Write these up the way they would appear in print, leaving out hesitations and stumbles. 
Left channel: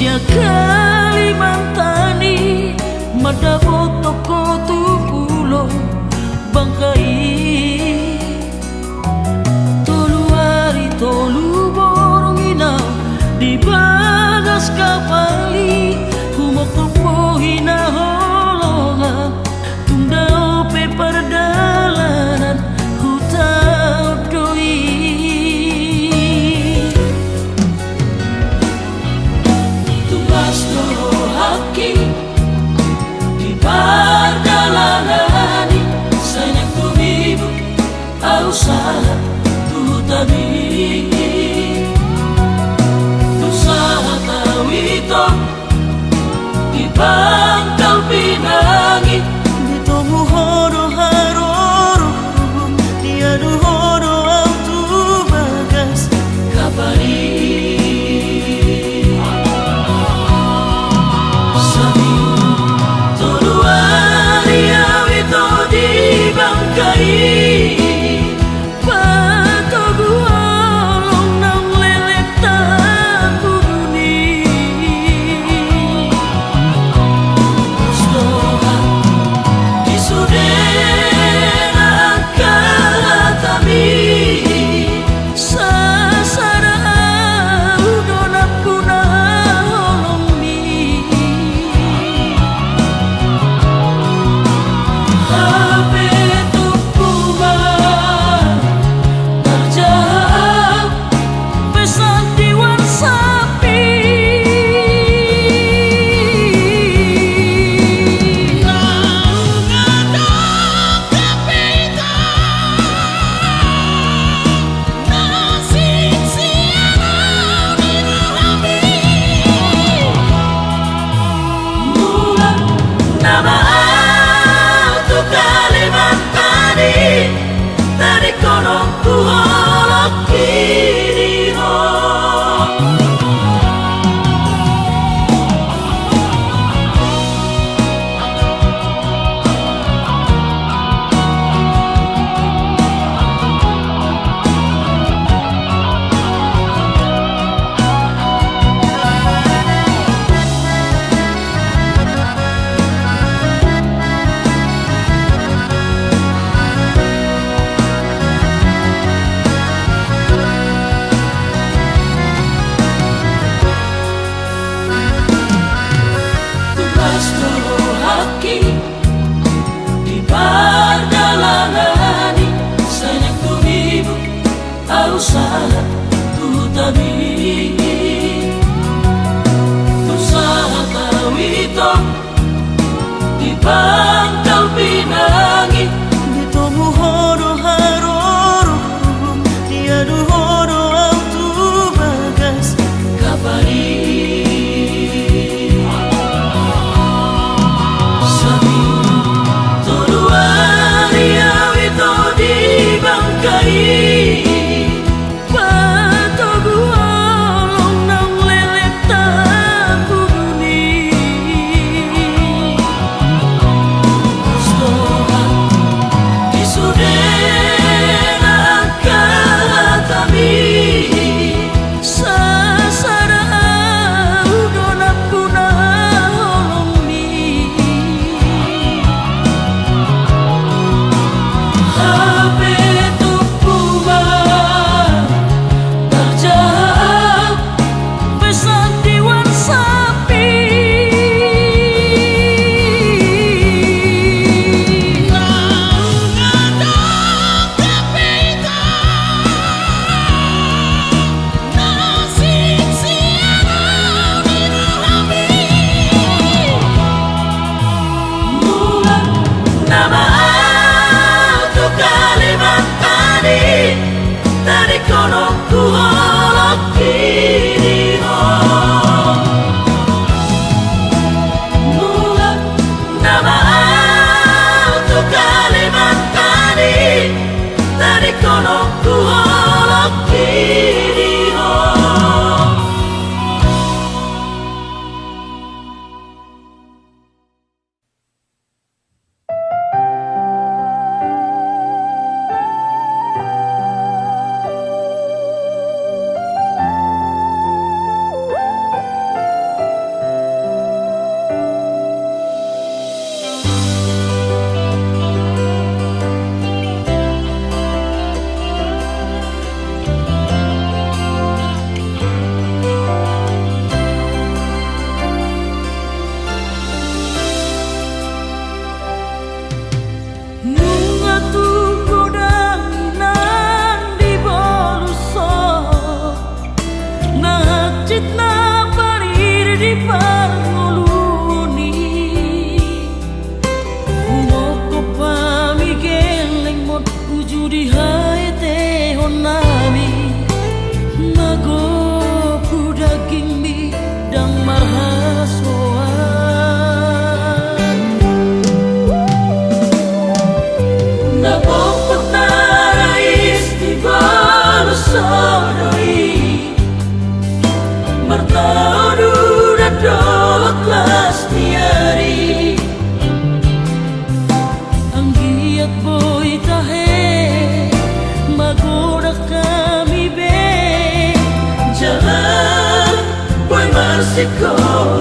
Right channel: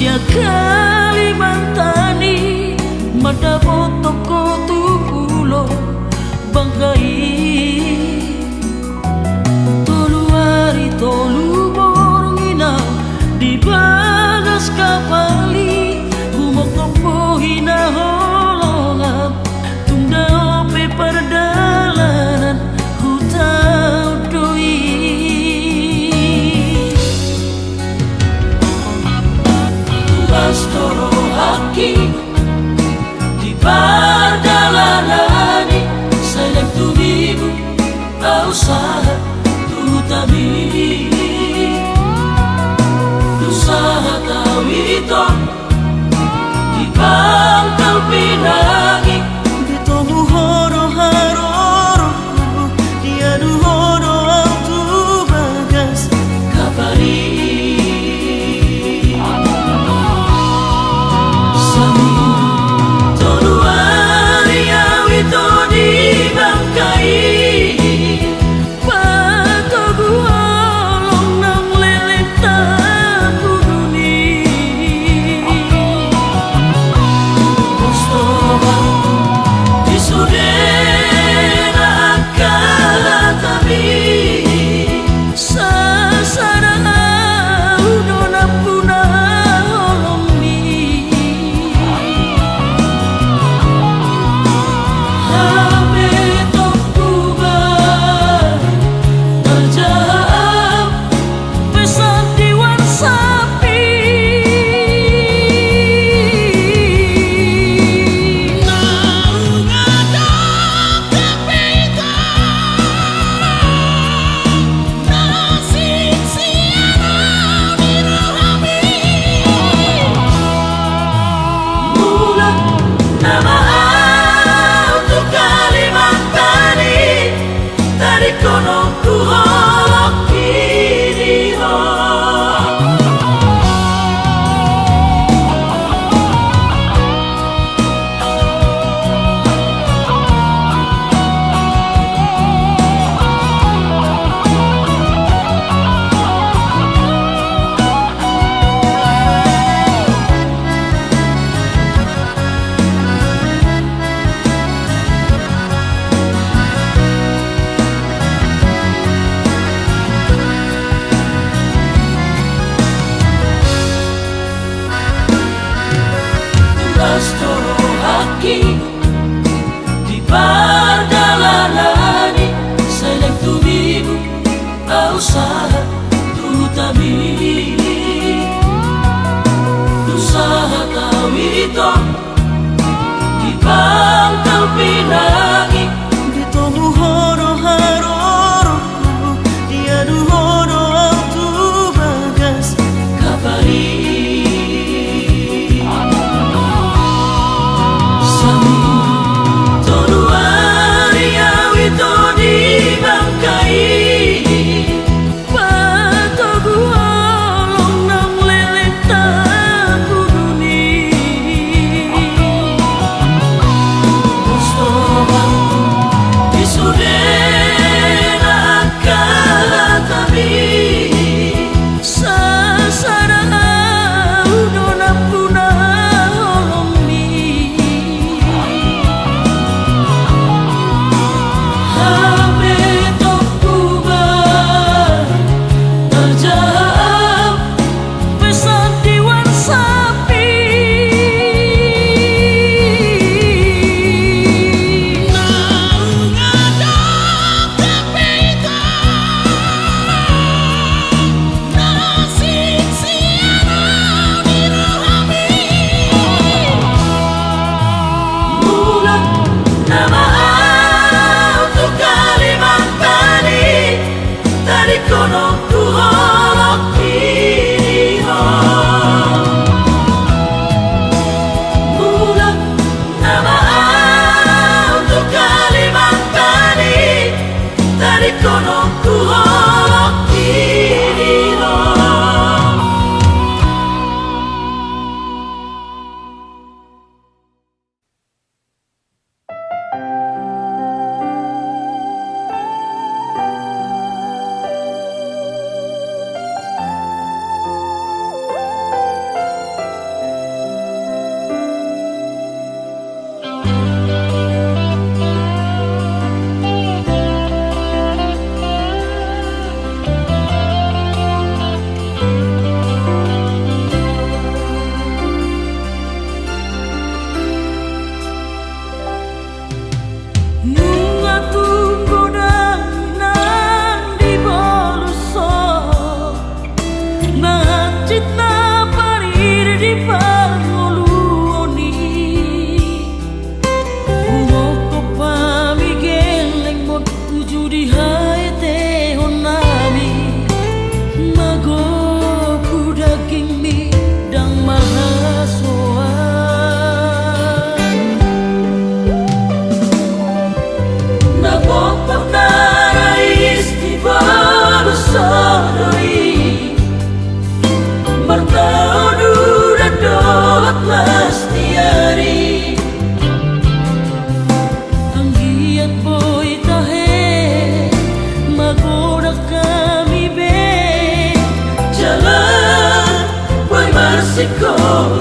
Sia Kalimantani madapot toko tupulo bangkai tolu hari tolu borong inaw di bagas kapali humok topo hinaholongan tungdao pe perdalanan hutau doi Astoro haki di perdalangan sayang tumibu usaha tutami usaha tawito di pangkal pinangi di tomu hono haroroku dia du hono autu bagas kabari usaha tutami usaha tawito di pangkal pinangi di tomu hono haroroku dia du hono autu bagas kabari sami tolu hari awito di bangkai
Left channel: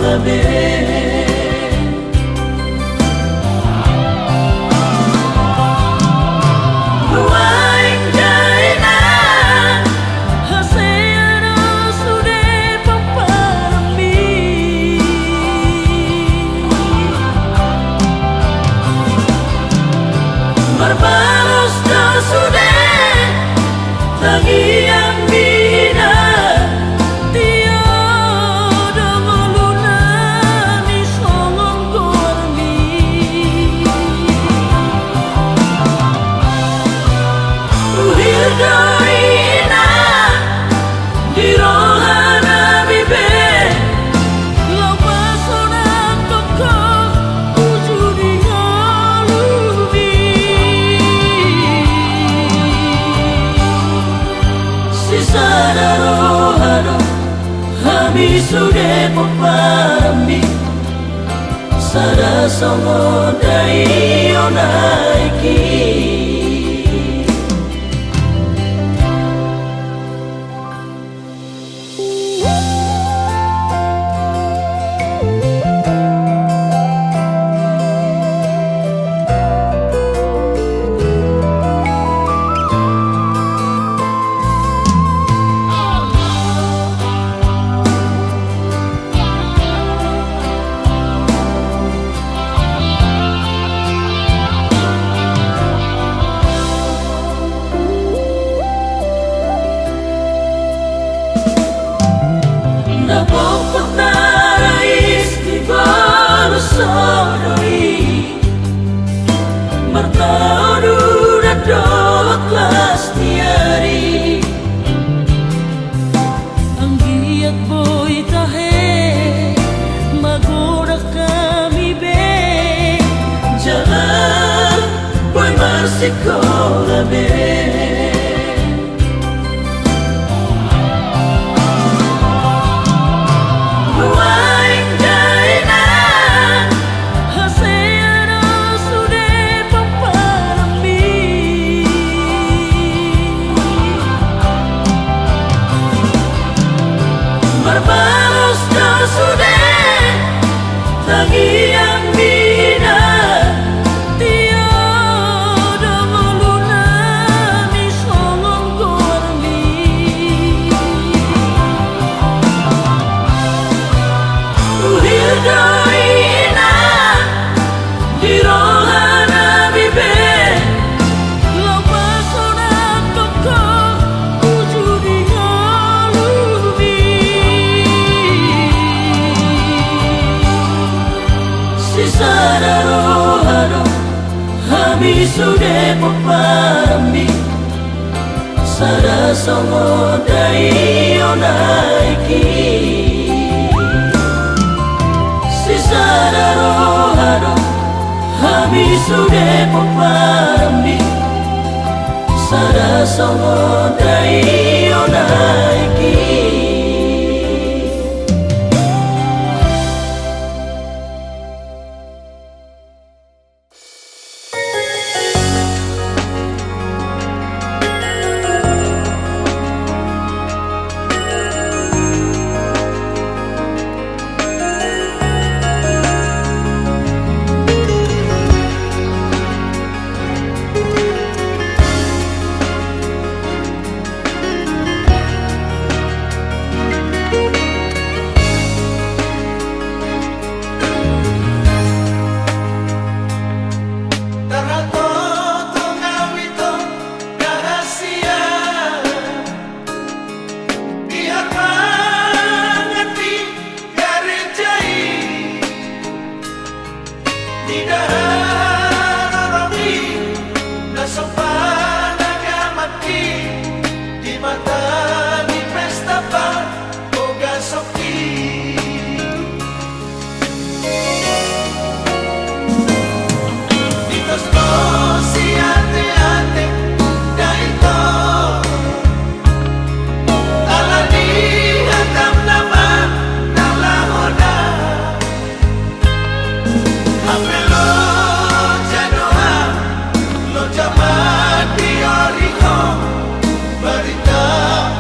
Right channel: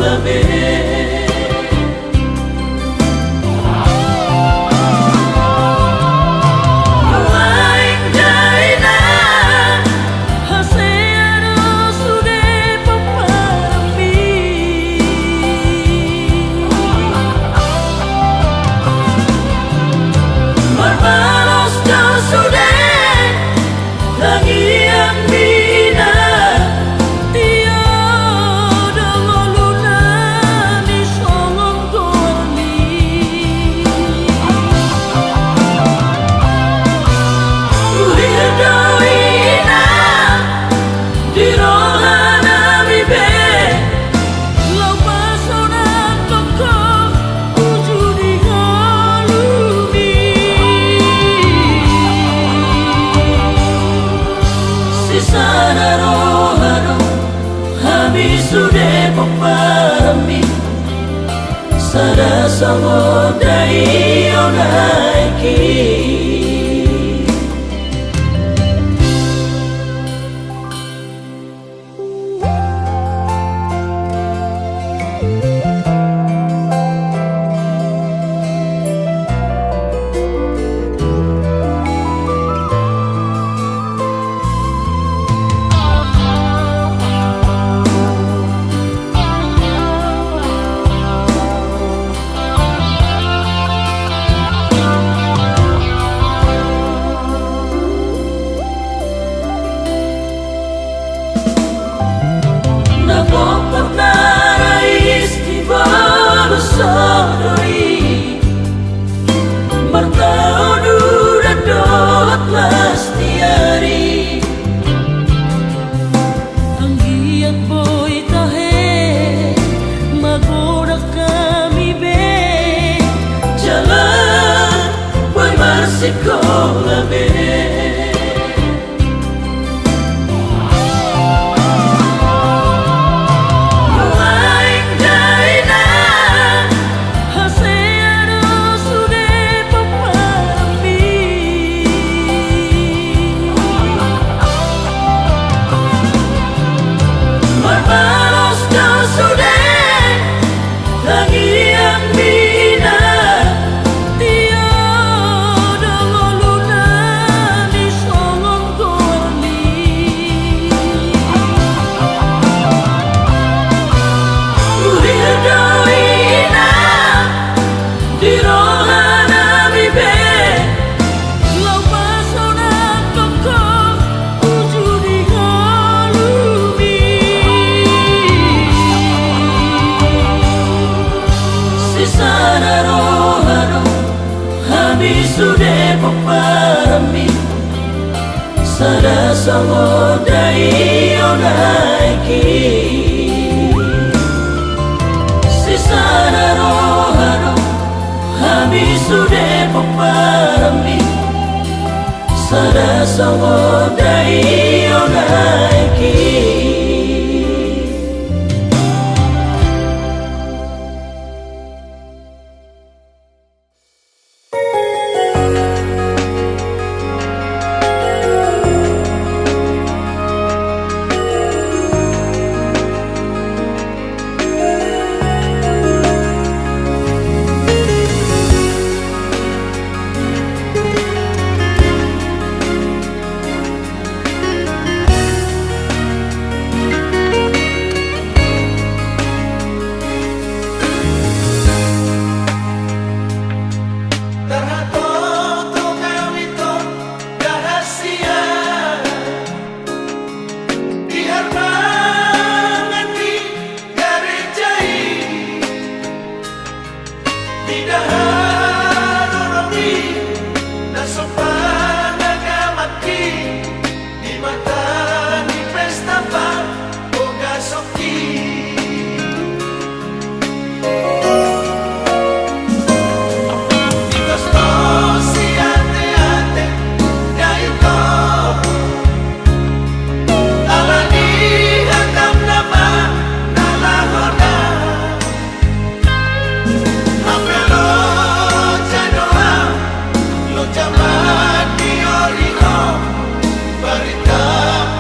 labe. Sudah peparambi sada songo dai onaiki. Sekolah be sudah peparambi sada songo dai onaiki. Sisada rohano habis sudah peparambi sada songo dai onaiki. Barita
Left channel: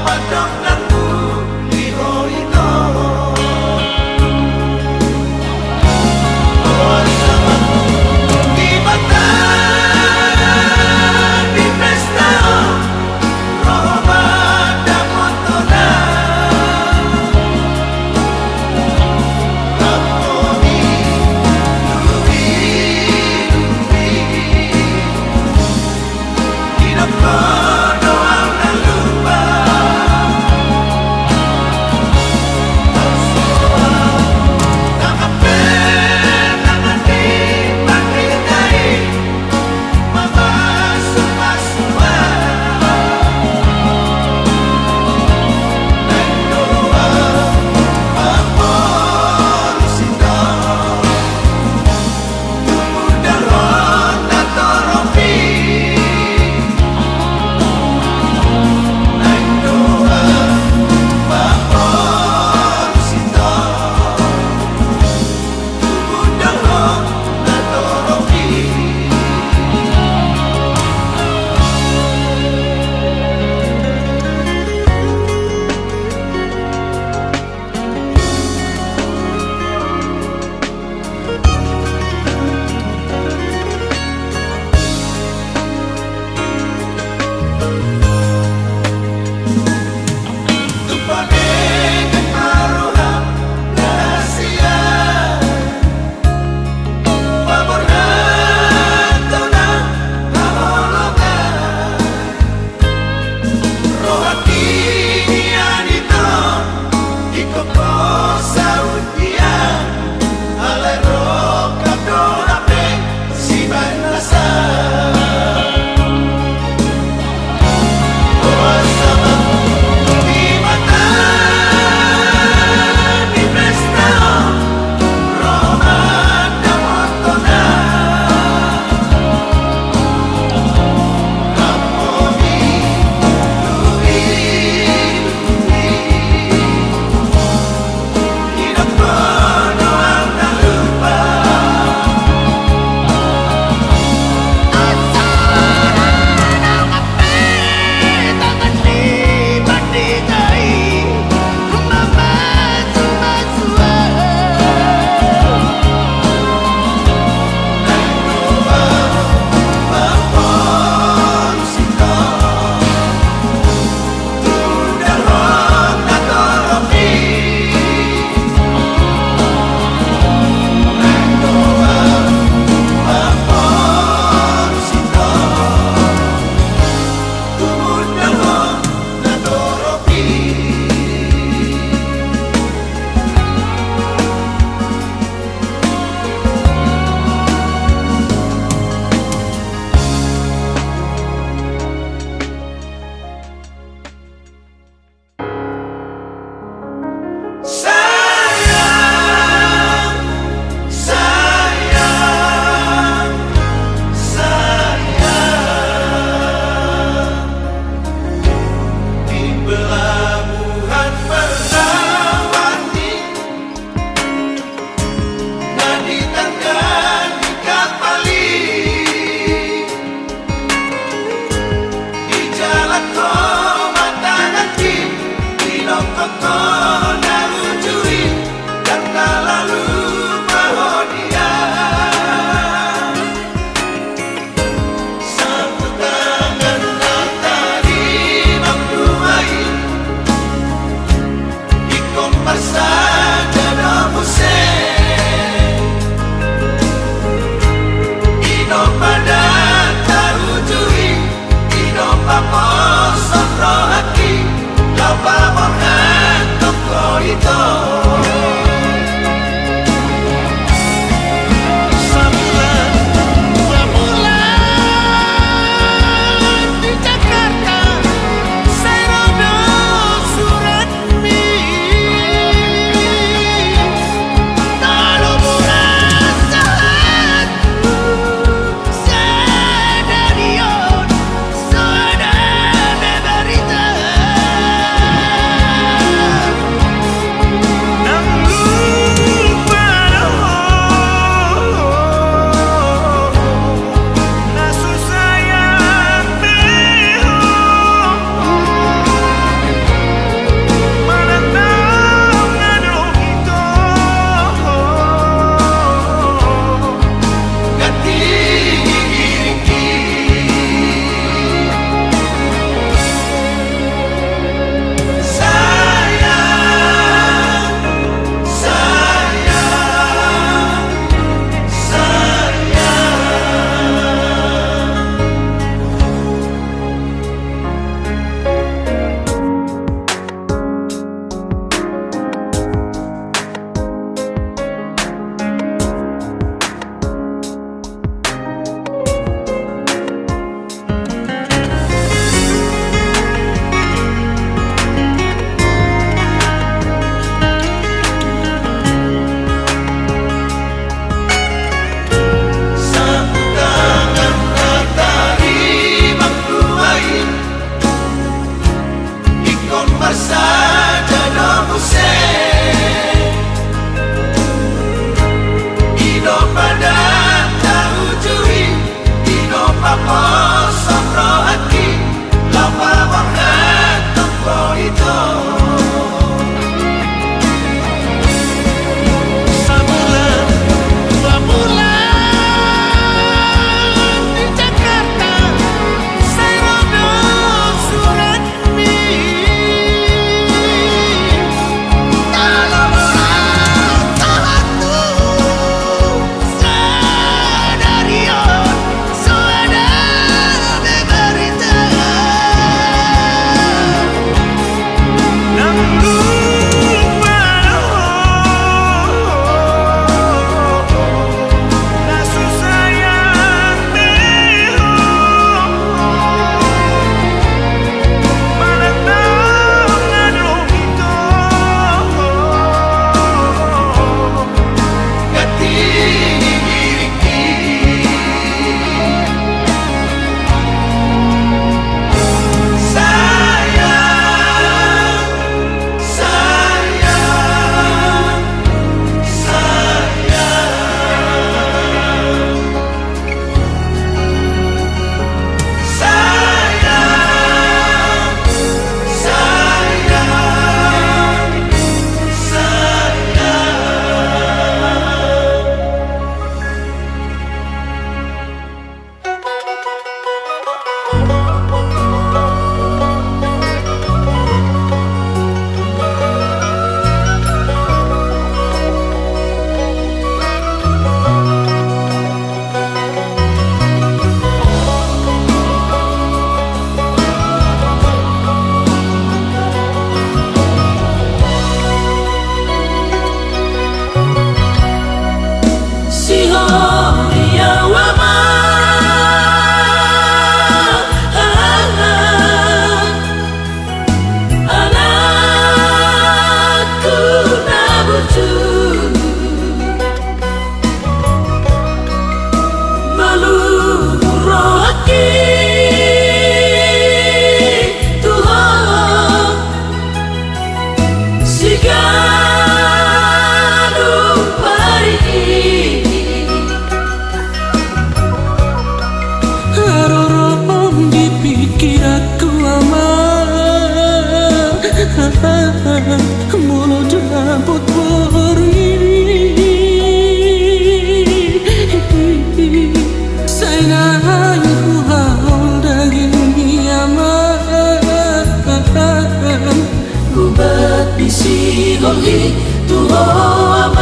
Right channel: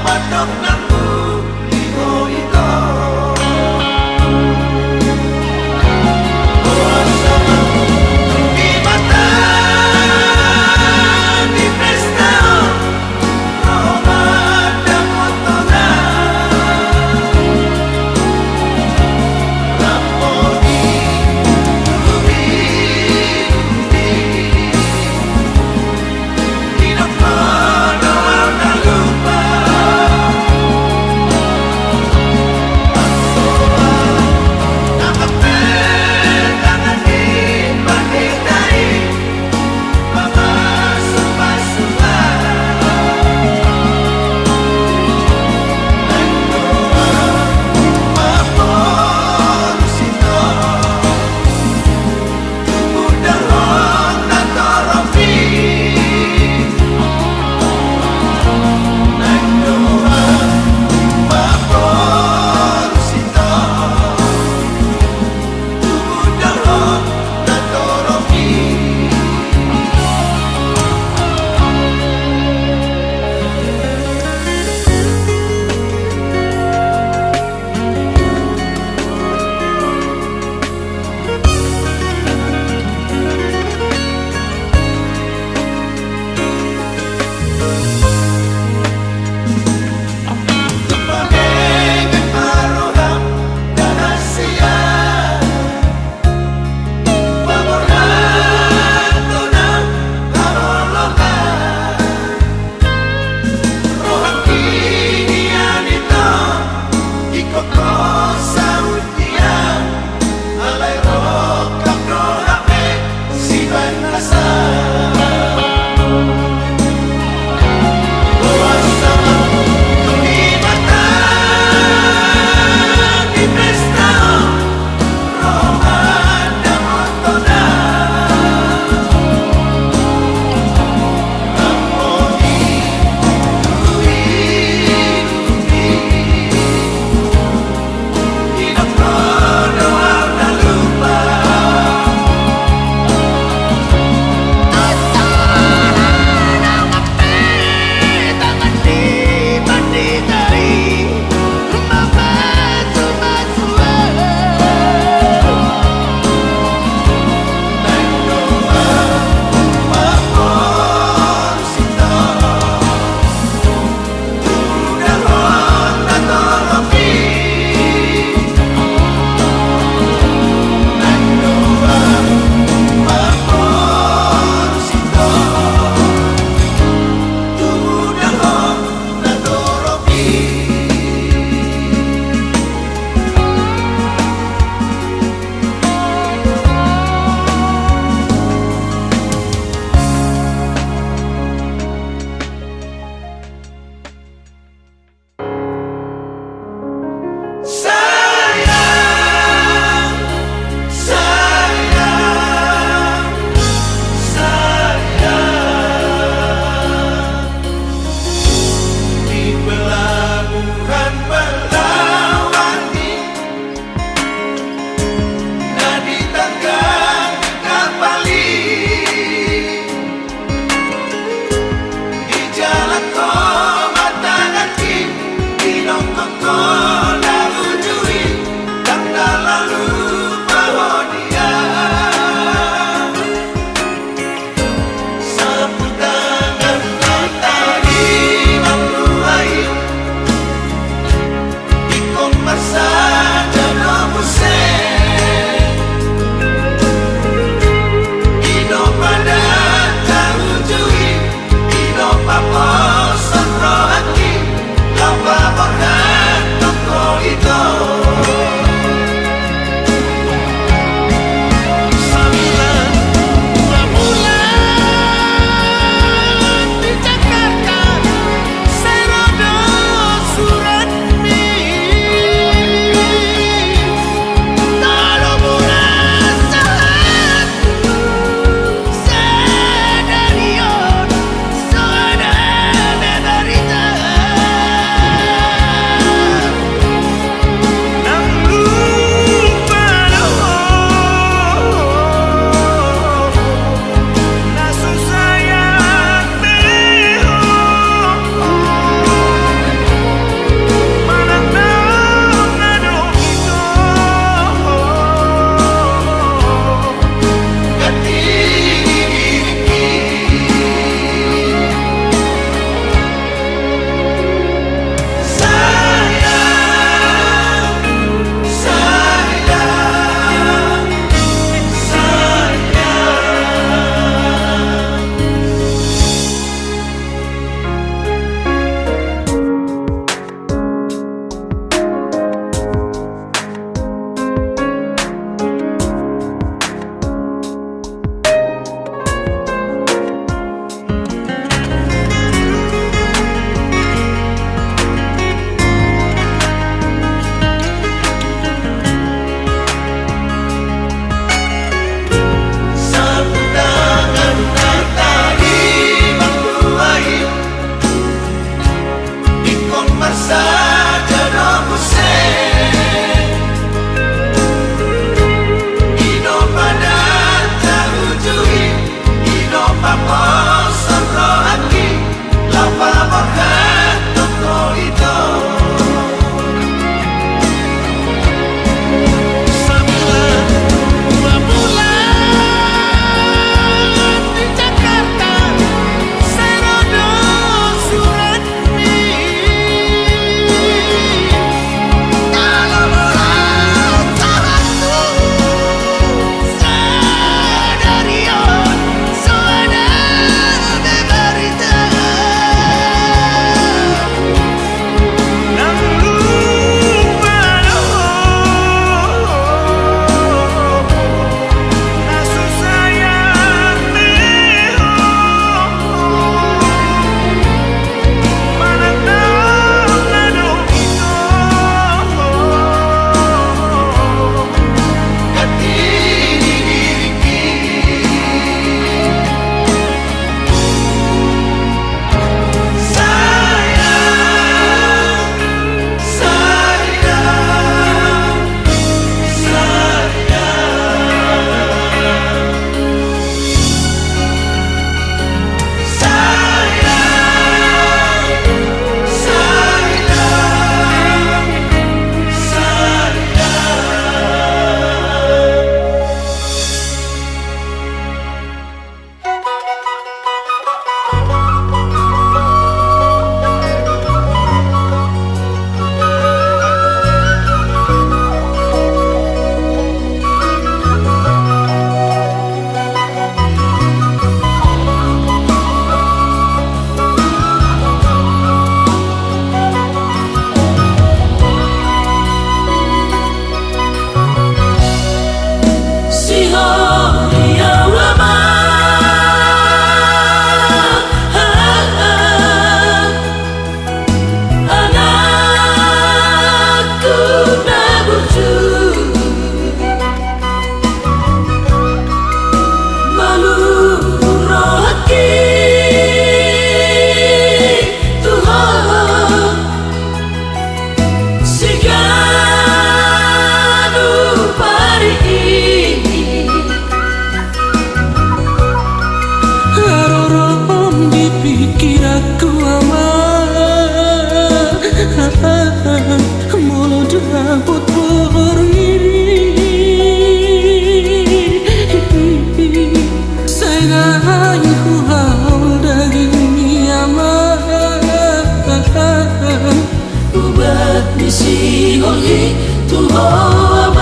Ubat misi oleh Tuhan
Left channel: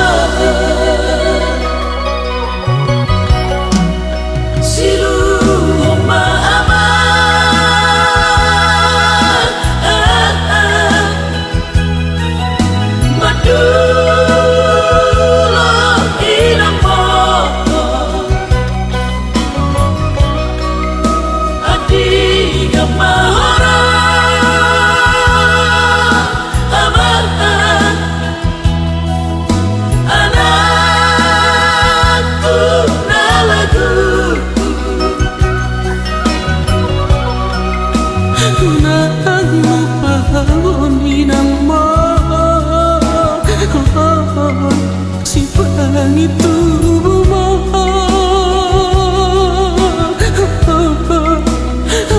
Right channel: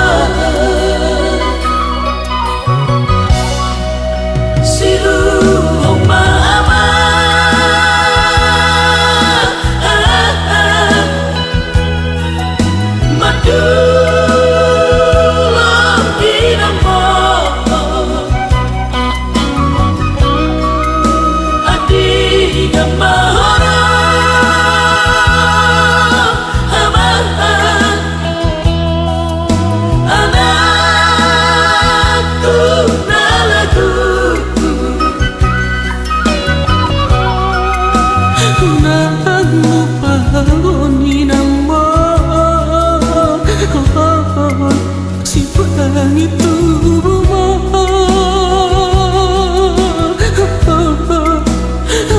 Siru ma'ama Madulah inamo Adi gamahara Anakku nalagu Nang lupagoni ng mahal Si pangit tubo mo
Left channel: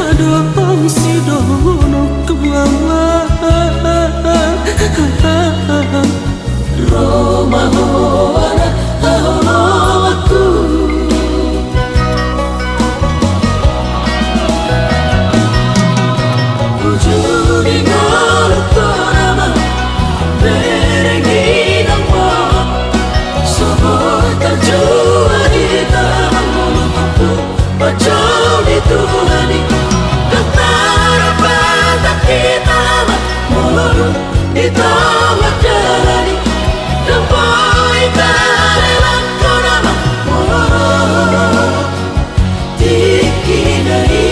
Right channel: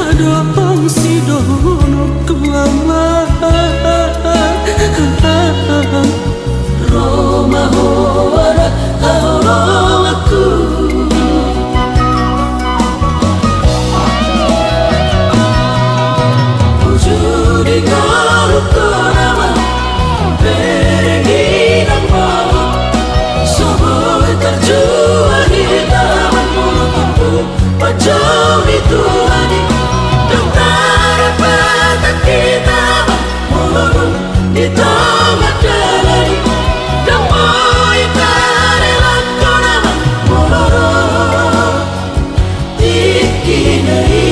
Adong si dono kuamah Roma hoara aholo aku Wujudi ngolu korama Berengi namo Soboy terjua hitam Mulutupu Pacau ditulani Dokter patah kita Muluru ditolak dari Damai karela korama Muluru Tiki dari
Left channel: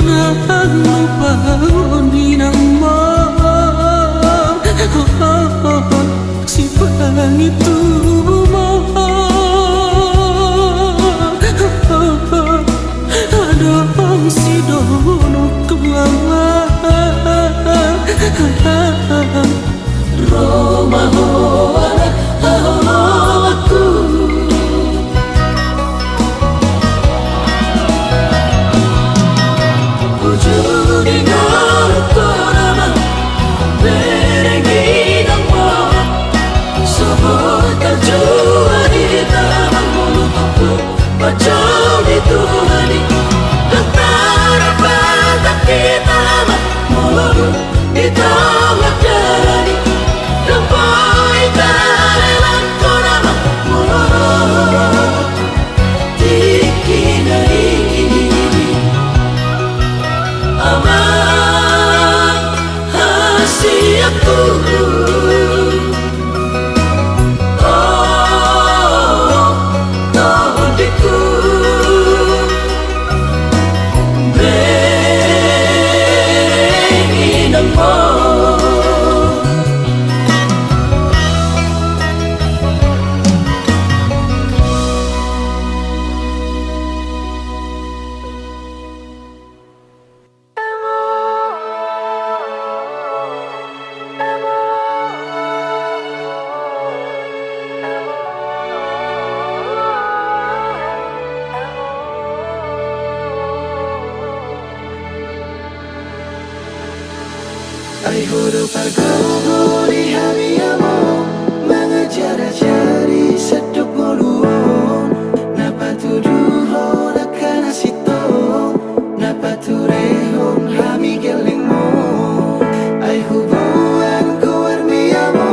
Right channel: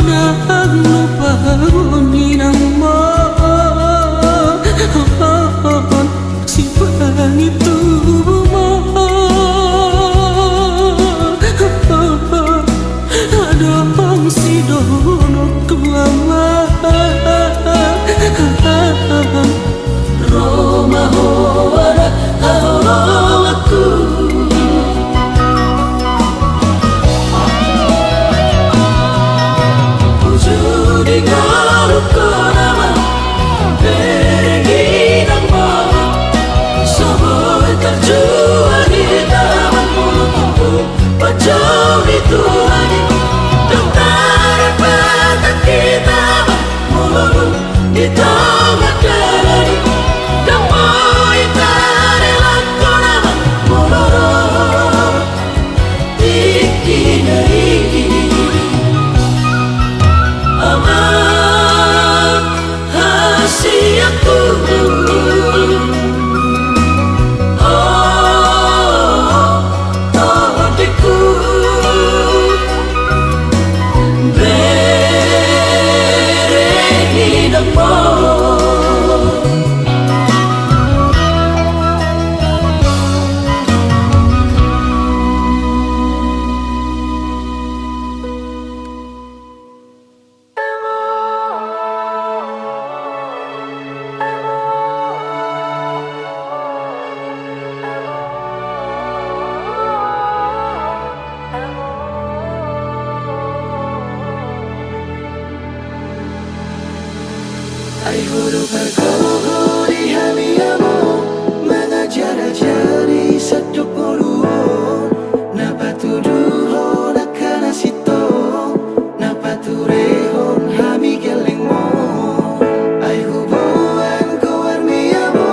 Nang lupagoni ng mahal Si pangit tubo mo Adong si dono kuamah Roma hoara aholo aku Wujudi ngolu korama Berengi namo Soboy terjua hitam Mulutupu Pacau ditulani Dokter patah kita Muluru ditolak dari Damai karela korama Muluru Tiki dari Aman hasiaku Oh taudiku Berengi namo Ay huruf bergogo di hamiamo Mengajar-ajari seduk moluon Napa tuduhon akan asitong Napa turehon hami geleng mo Ay hubungan ko armiamo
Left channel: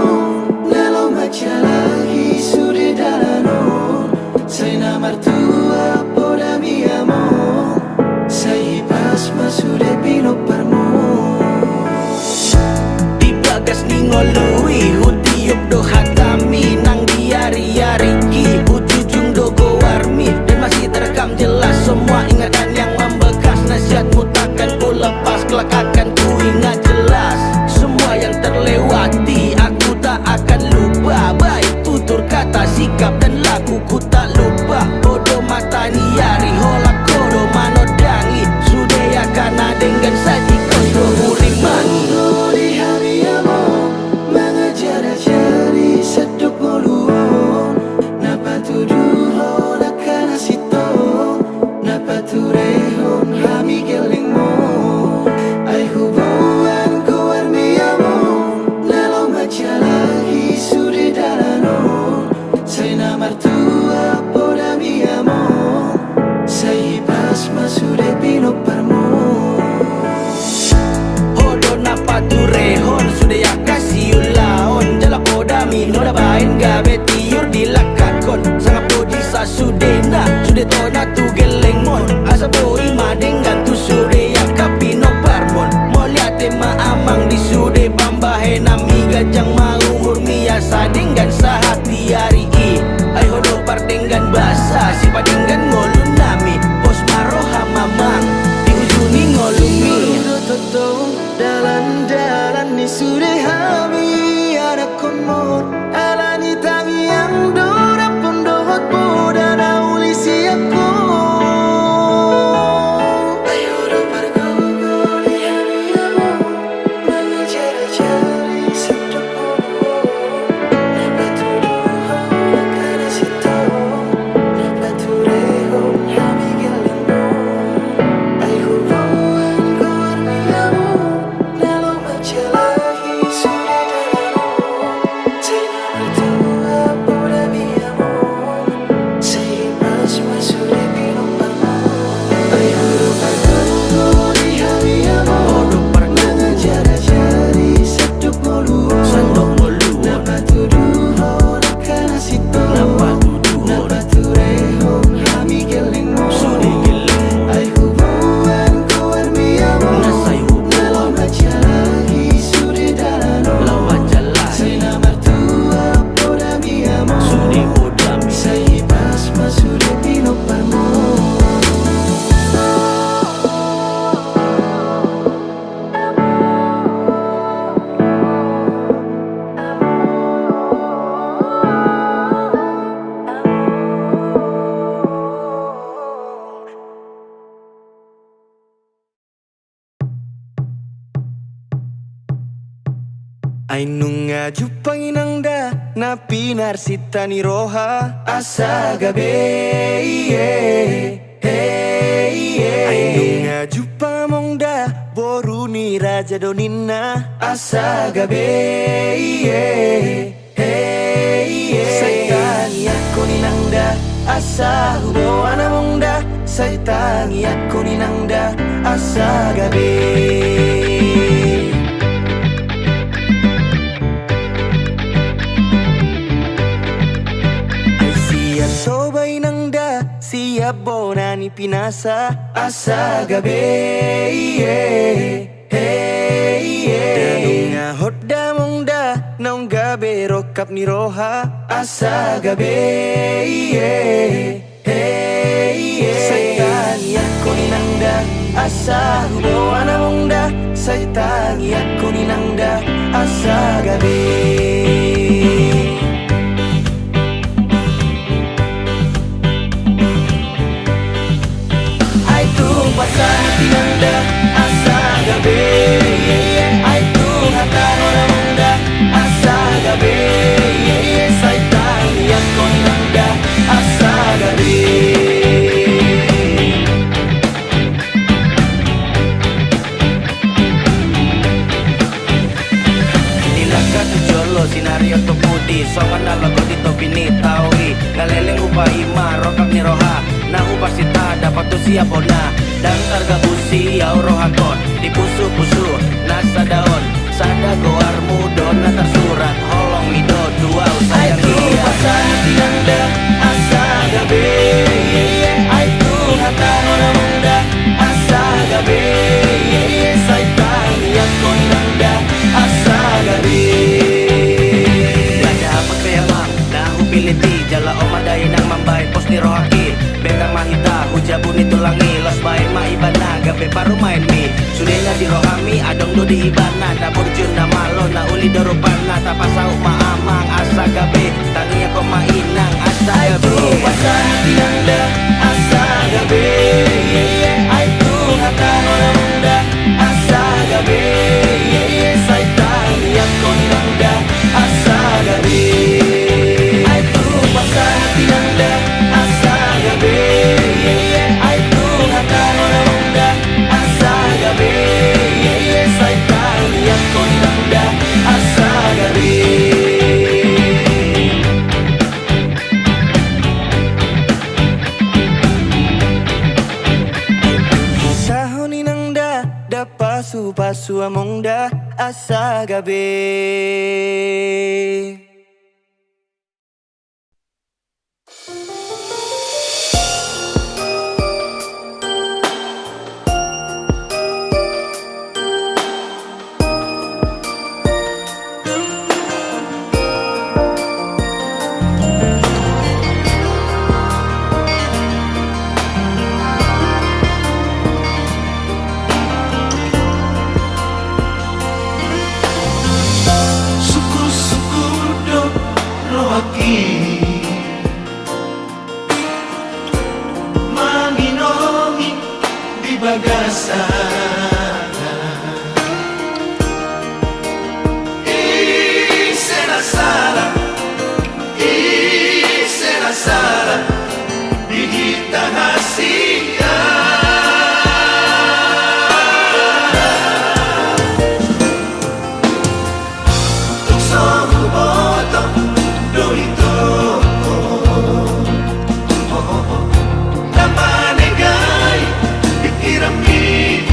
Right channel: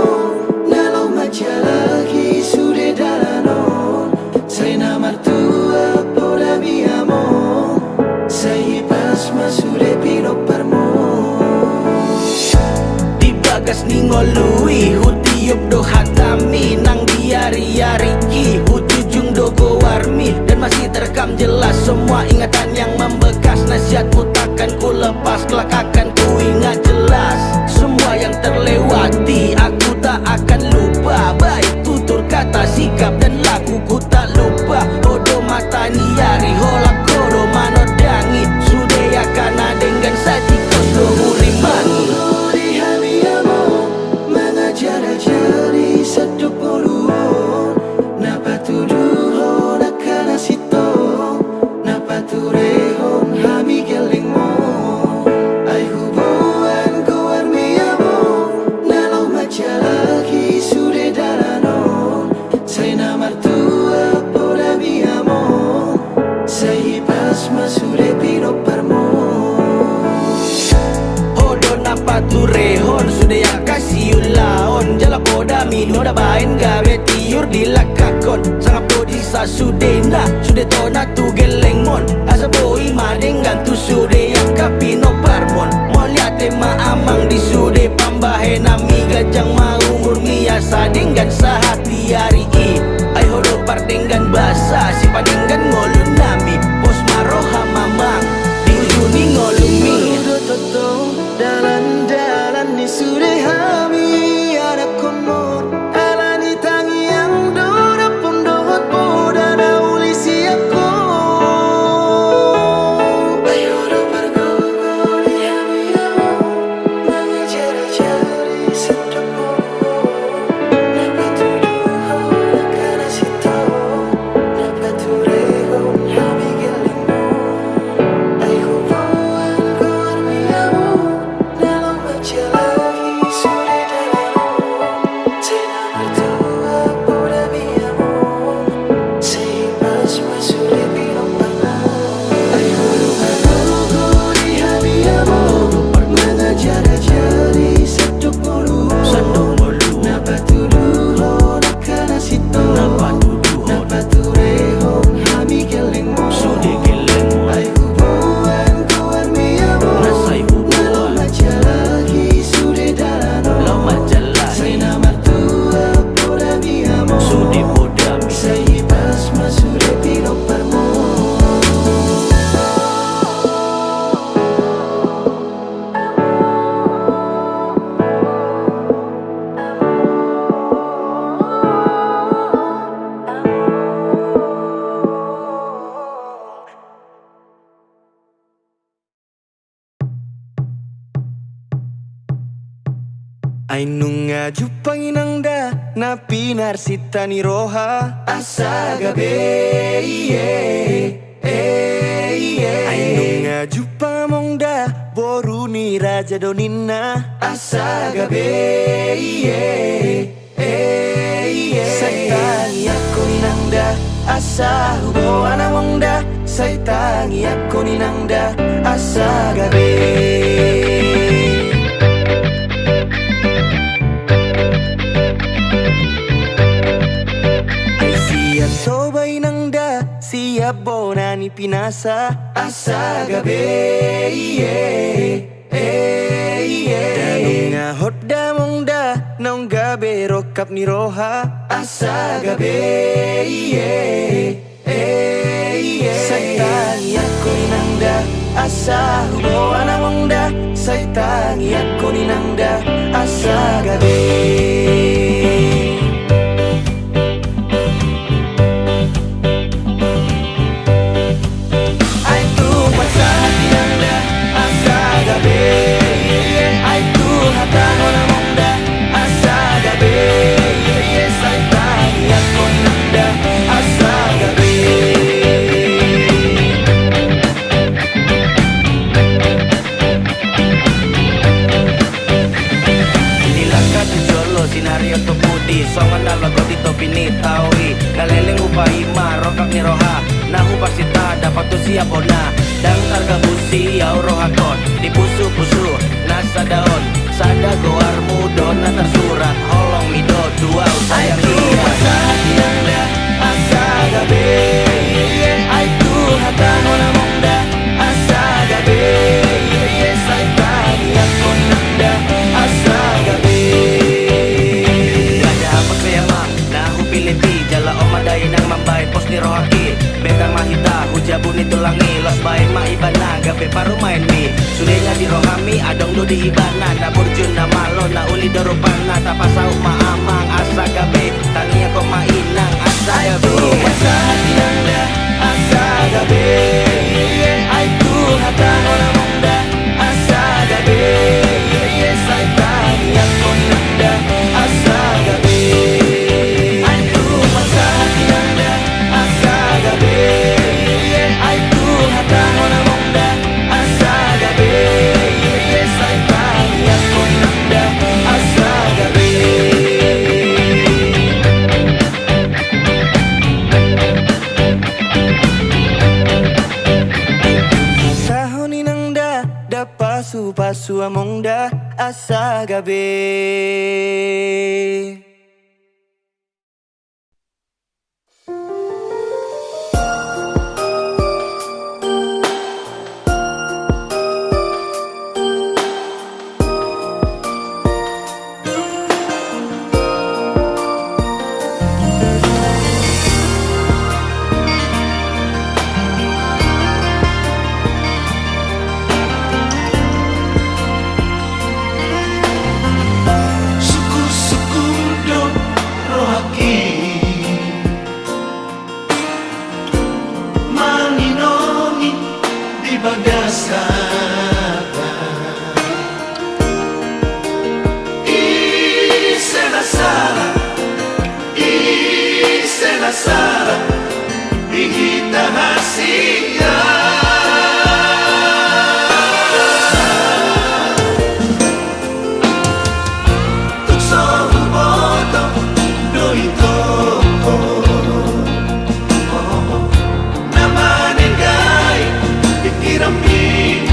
Nalo macalahi sude dalanon Sena martua poda mi amor turehon hami geleng mo ai hubungan ko armiamo nalo majalahi sude darano sai namar tua poda miamo sai pas masude pino parmo Hodo napa turehon sudah ya kasih ulaon jala poda mino da bain gawe tiur dilakakon sangat podi sa sudena sudah tona tu geleng mon asa boi madeng gantu sudah ya kapino parmon molia tema amang di sude pambahe nami gajang mau murmia sadinggan sahati hari i ai hodo pardenggan basa si padenggan ngolun nami pos maroha mamang diujuni ngolumi Totong dalan-dalan ni sudah hami ada komod alani tangi yang dora pun dohot poda na uli siapko ayo do pergogo di hami amo mengejar cari sedap podo dapat tuduh nakana sito dapat turehon hami gelemo ay hubungan ko armiamo nalo majalahi sudah dalano say namar tua poda miamo say pas masude pinopano ay hubungan ko di hami amo mengejar cari sedap podo dapat tuduh nakana sito dapat turehon hami gelemo ay hubungan ko armiamo nalo majalahi sudah dalano say namar tua poda miamo say pas masude pinoparmo Ainunga jupangin da na pinar sitani roha asa gabe Ainunga jupamong da boruni raja donina asa gabe Saitangi aku ninangda asa hubo anamong da Saitangi aku ninangda asa gabe Sobay nang da siap bonani pinasa asa gabe Danunga hot damong da naong gabe rokap ni roha asa gabe Saitangi ako ninang da asa hubo anamong da Saitangi ako ninang da asa gabe Ay tu hataho na munda asa gabe Saitangi ako ninangda asa gabe Nilaka tu jolo sinario to pudi songan nalago dito pinitawi Ngaleleng upahi marokap ni roha Nahu pasita dapat tu siap bona Dan targa busi au rohakon Di pusu-pusu nasa daun Sada goar mudo na tersurat Holong mido dua sayang dia Ay nangda asa gabe Ay tu hataho na munda asa gabe Saitangi ako nangda asa gabe Gada pagkayamang nahu piliti Jala o madayin ang mambahin pos ni rohaki Bentang mahita hujabu ni tulangi Los bain maibana gabe paru main mi Sudahnya di rohami adong do di ibana Na burjun na malo na uli dorupana Tapasau maamang asa gabe Tangi ako mainang asa gabe Asa hati nangda asa gabe Ay tu hataho na munda asa gabe Saitangi ako nangda asa gabe Ay tu asa hati nangda asa gabe Ay tu hataho ni nang da pasu among da asa gabi. Sara di kita hasilnya tuk somu botong doing toko nama negai dikirami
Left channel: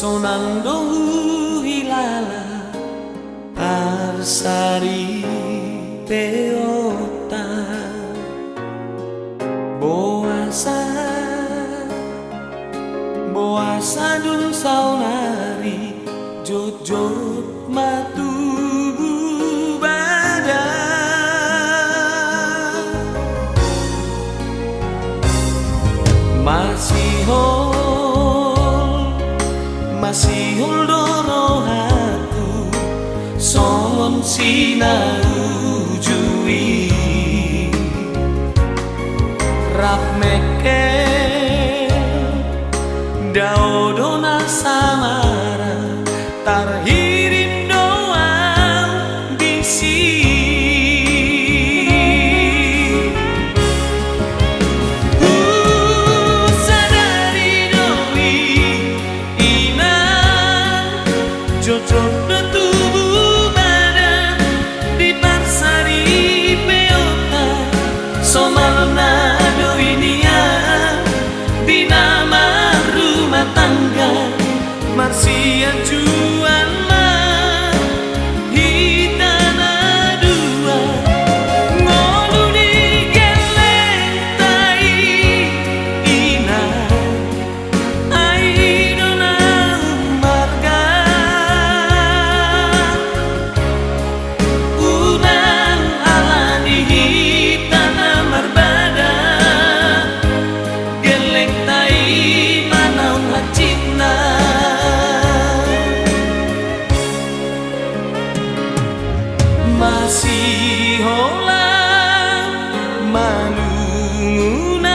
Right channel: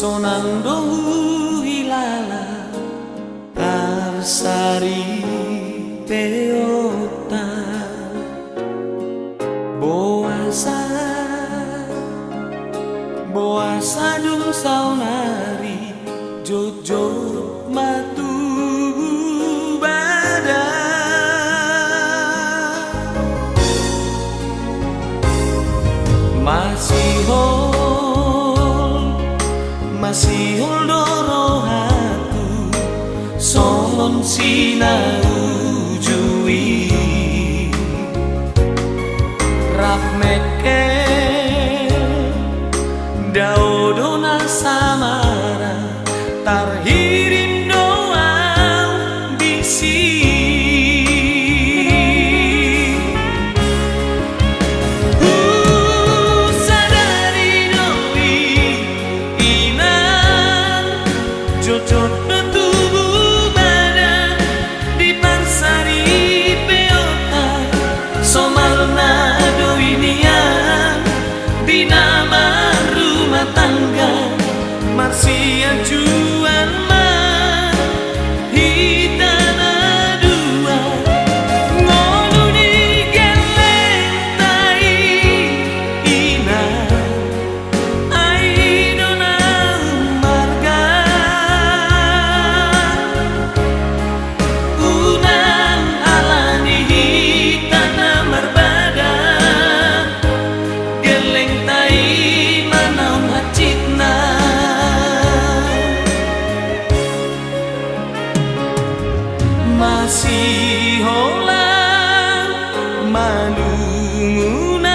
sonando hilala arsari peota boasa dung saunari jojot matu bada masih hol doro aku songon sinau jui rap mekel daudona samara tarhirim doa bisi jojot tubuh badan di parsari peota somalna doinian di nama rumah tangga marsian juan mah hitana dua ngolu di geleng tai ina aidona marga unang alani hitana marbada geleng tai manaun hacitna masih holang malungunau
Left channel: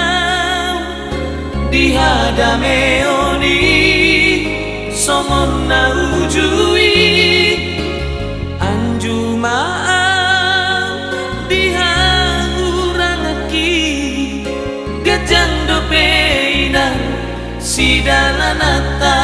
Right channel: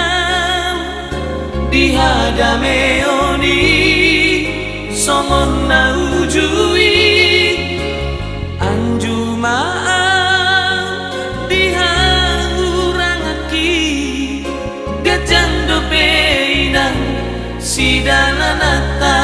di hadameoni somon naujui anjumaan dihangurangaki gajang dopeinan sidalanata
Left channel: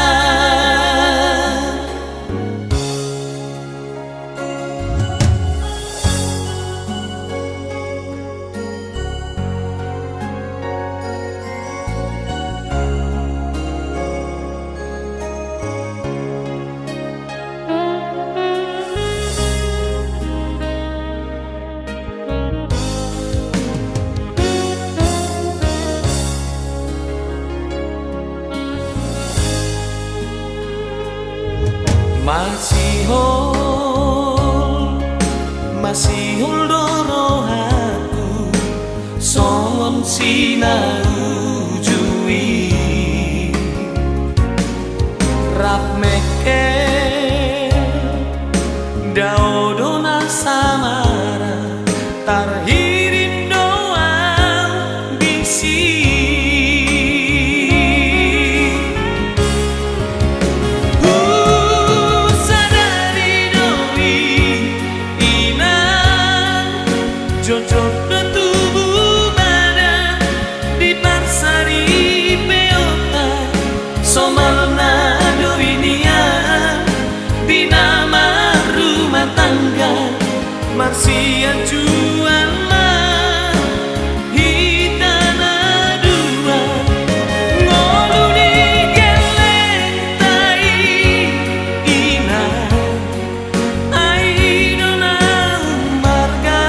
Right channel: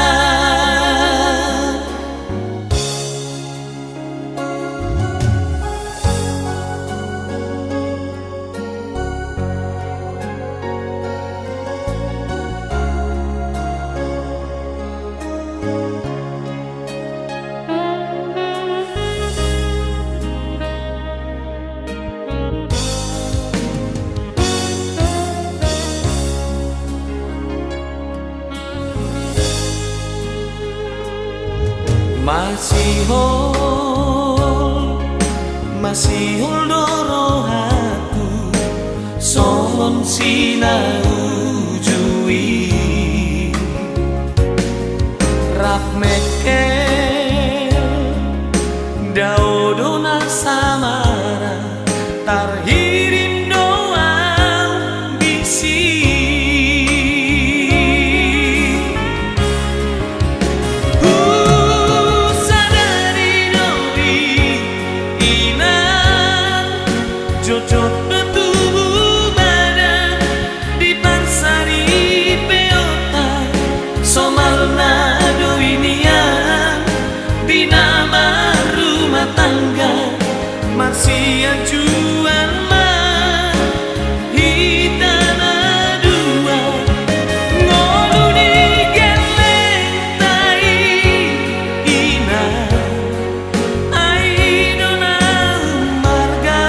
masih hol doro aku songon sinau jui rap mekel daudona samara tarhirim doa bisi jojot tubuh badan di parsari peota somalna doinian di nama rumah tangga marsian juan mah hitana dua ngolu di geleng tai ina aidona marga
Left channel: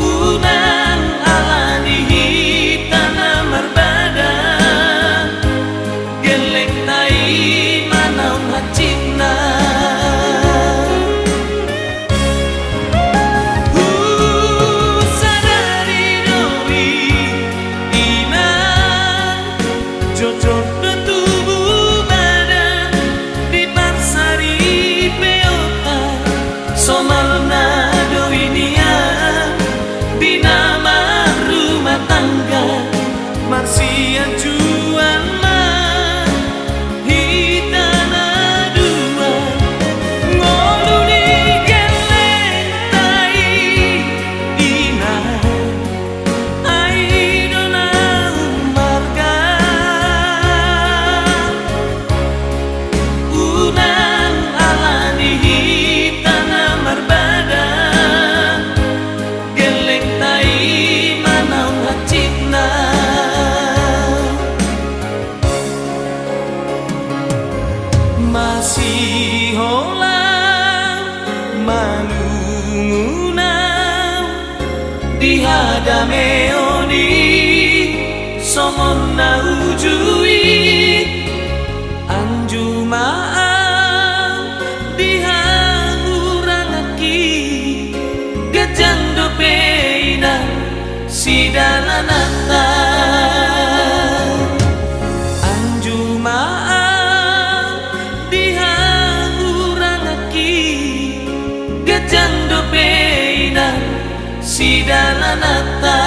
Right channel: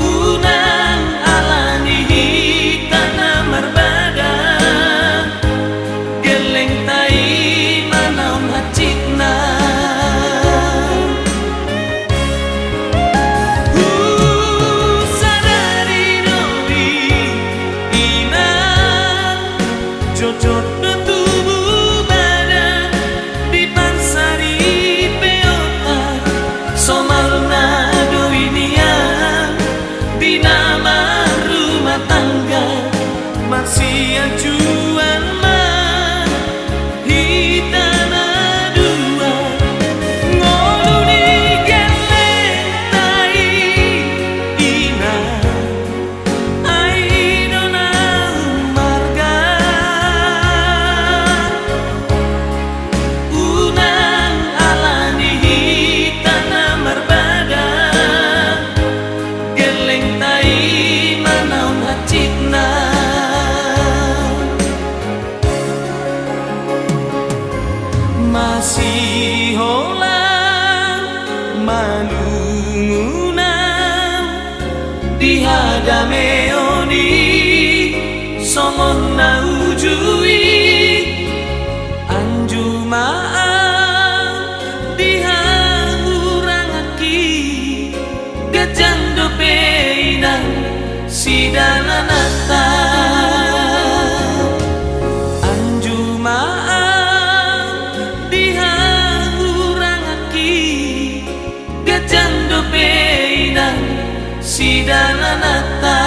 unang alani hitana marbada geleng tai manaun hacitna masih holang malungunau dihadame oni songon na ujui anjumaan dihangurangaki gajando peinan sidalanata anjumaan dihangurangaki gajando peinan sidalanata.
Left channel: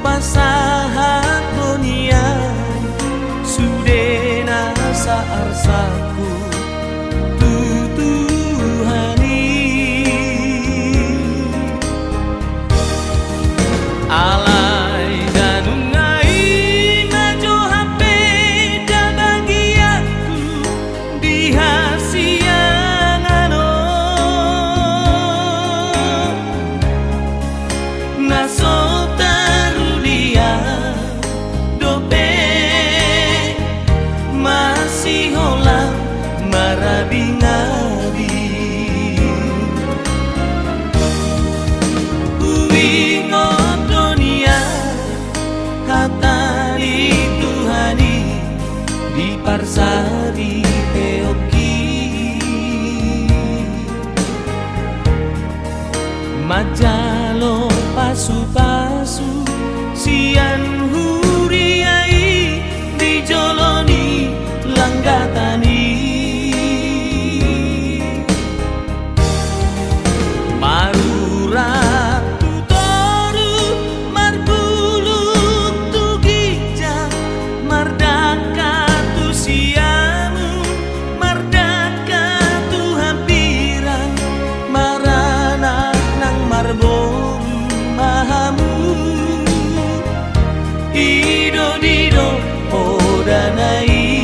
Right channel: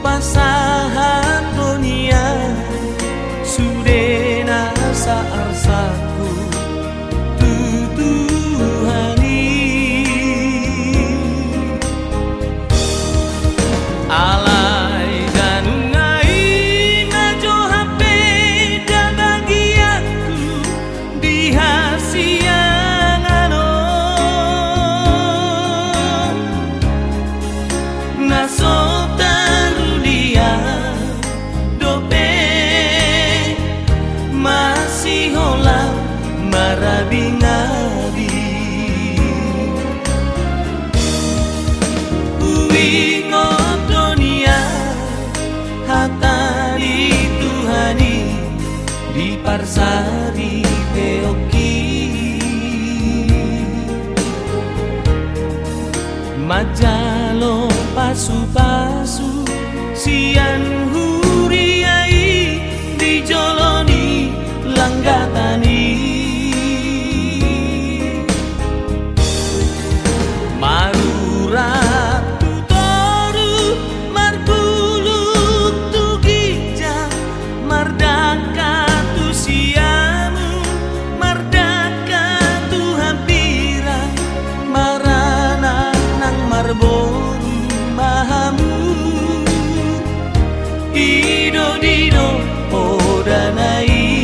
Pasahat dunia sudena saarsaku tutuhani alai danungai najo hape dabagiaku dihasiangano nasota masih holang marabingabi uingot dunia hatali Tuhani di parsari peoki majalo pasu-pasu sian huriai dijoloni langgatani marurat tutoru marbuluk tu gijang mardaka tu siamu mardaka tu hampiran marana nang marboru mahamu ido dido odanai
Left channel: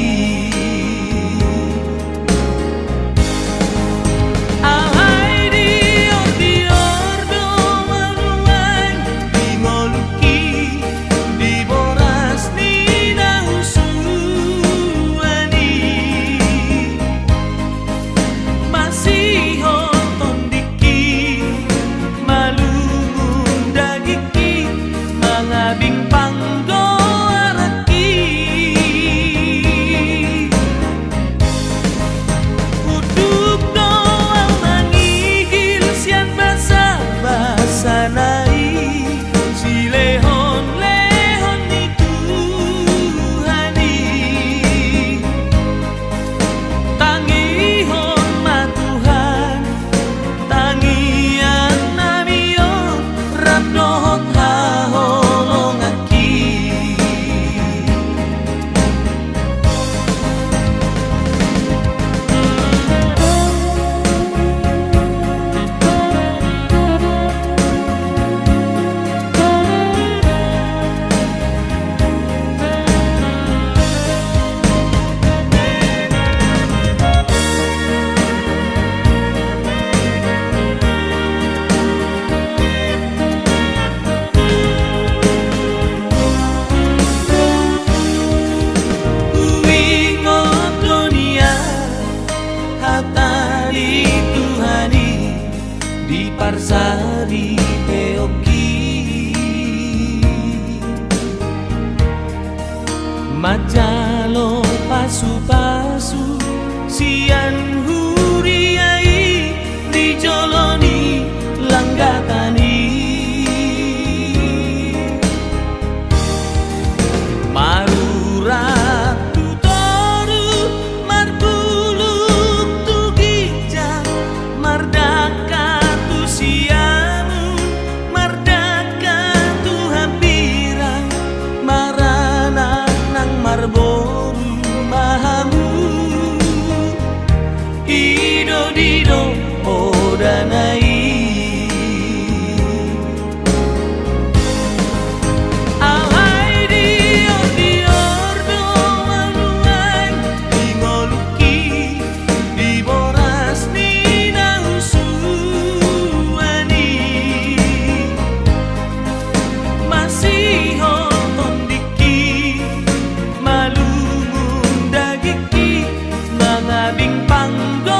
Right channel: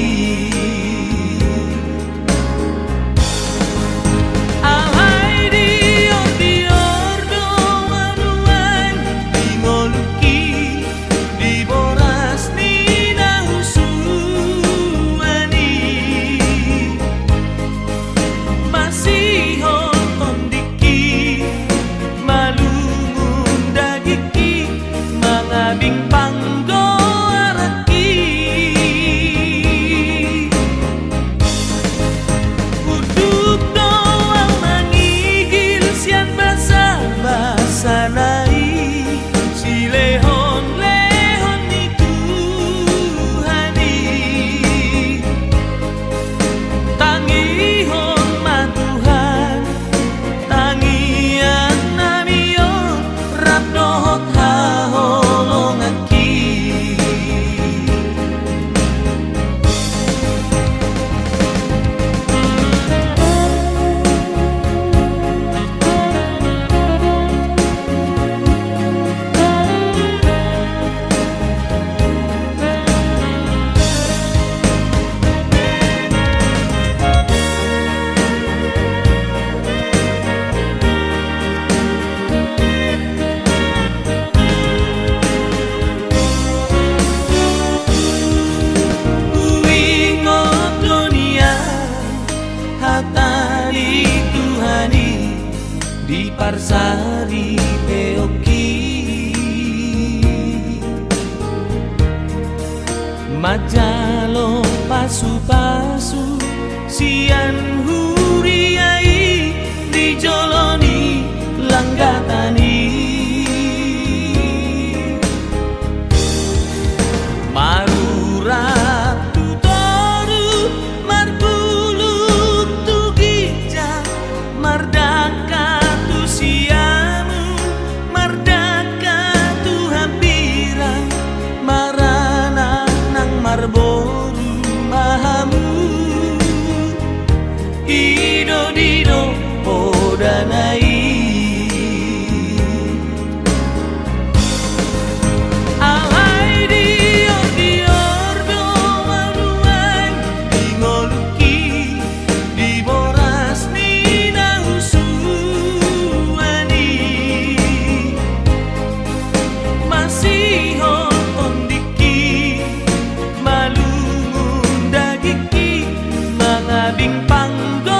di parsari peoki majalo pasu-pasu sian huri podanai Alai dior dior do manuan Dingoluki di boras ni nausuani Masih hotondiki malungun dagiki mangabing panggo